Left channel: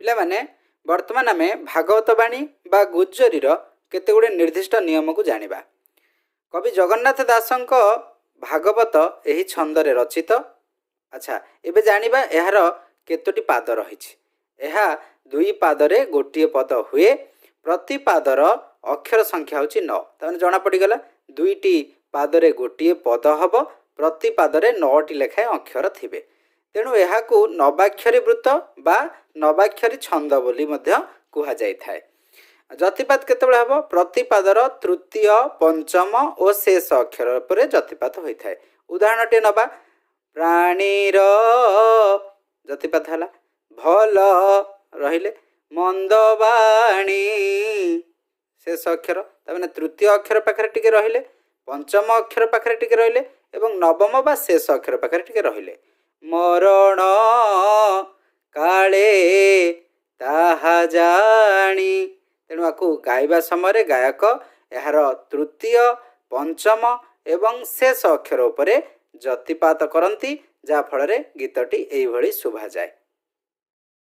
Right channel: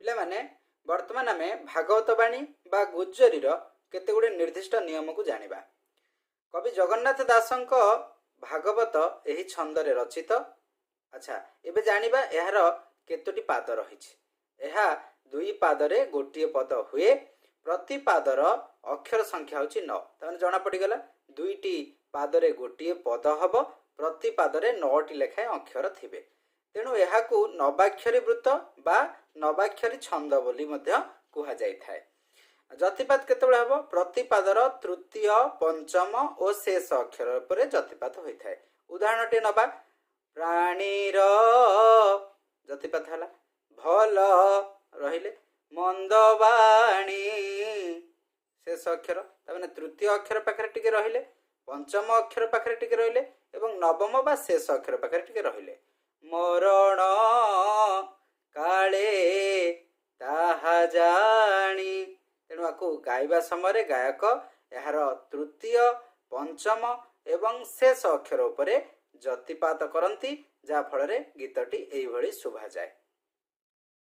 ପିଲାମାନେ ବର୍ତ୍ତମାନ ଆମେ ଭାଗବତ ବାଣୀ ବା ଗୁଜ୍ଜରୀର କେତେଗୁଡ଼ିଏ ନିର୍ଦ୍ଦିଷ୍ଟ ନିୟମକୁ ଜାଣିବା। କବି ଜଗନ୍ନାଥ ଦାସଙ୍କ ଭାଗବତ ଏହି ଛନ୍ଦରେ ରଚିତ। ଆଚ୍ଛା, ଏବେ ଜାଣିବା ଏହାର କେତୋଟି ପାଦ ରହିଛି। ଏହା ଦୁଇ ପାଦରେ ଗୋଟିଏ ପଦ ହୁଏ। ପ୍ରତି ପାଦର ଅକ୍ଷର ସଂଖ୍ୟା ହେଉଛି 9। ତାମାନେ ଜଣାପଡ଼ିଗଲା ଦୁଇଟି ପାଦରେ ଗୋଟିଏ ପଦ ହେବ, ପ୍ରତି ପାଦରେ 9ଟି ଲେଖାଏଁ ଅକ୍ଷର ଥିବେ। ତେଣୁ ଏହାକୁ ନବାକ୍ଷରୀ ବୃତ୍ତ ବା ନବାକ୍ଷରୀ ଛନ୍ଦ ବୋଲି ମଧ୍ୟ କୁହାଯାଇଥାଏ। ଯତିପାତ କେତେବେଳେ ହେବ? ପ୍ରତିପାଦର ତୃତୀୟ, ପଞ୍ଚମ ଓ ଶେଷ ଅକ୍ଷର ଉପରେ ଯତିପାତ ହୋଇଥାଏ। ଉଦାହରଣଟିଏ ନେବା, ପ୍ରାଣୀର ଯତିପାତ ହେଲା, ଭଲ ରହିଲେ, ମନ୍ଦବାଣୀ ଶେଷ ଅକ୍ଷର, ତାମାନେ ତୃତୀୟ ଅକ୍ଷର ପାଖରେ ଟିକେ ରହିଲେ, ପଞ୍ଚମ ଅକ୍ଷର ପାଖରେ ଟିକେ ରହିଲେ ଏବଂ ନବମ ବା ଶେଷ ଅକ୍ଷର ପାଖରେ ଟିକେ ରହିଲେ। ମରଣ କାଳେ ତାହା ଜାଣି, ତେଣୁ ଆକୁ ଗାଇବା ସମୟରେ ଗାୟକ ଏହାର ତୃତୀୟ, ପଞ୍ଚମ ଏବଂ ଶେଷ ଅକ୍ଷର ଉପରେ ଯତିପାତ କରନ୍ତି, ଯାହାଫଳରେ ଗୀତଟି ଏଇଭଳି ଶୁଭାଯାଏ।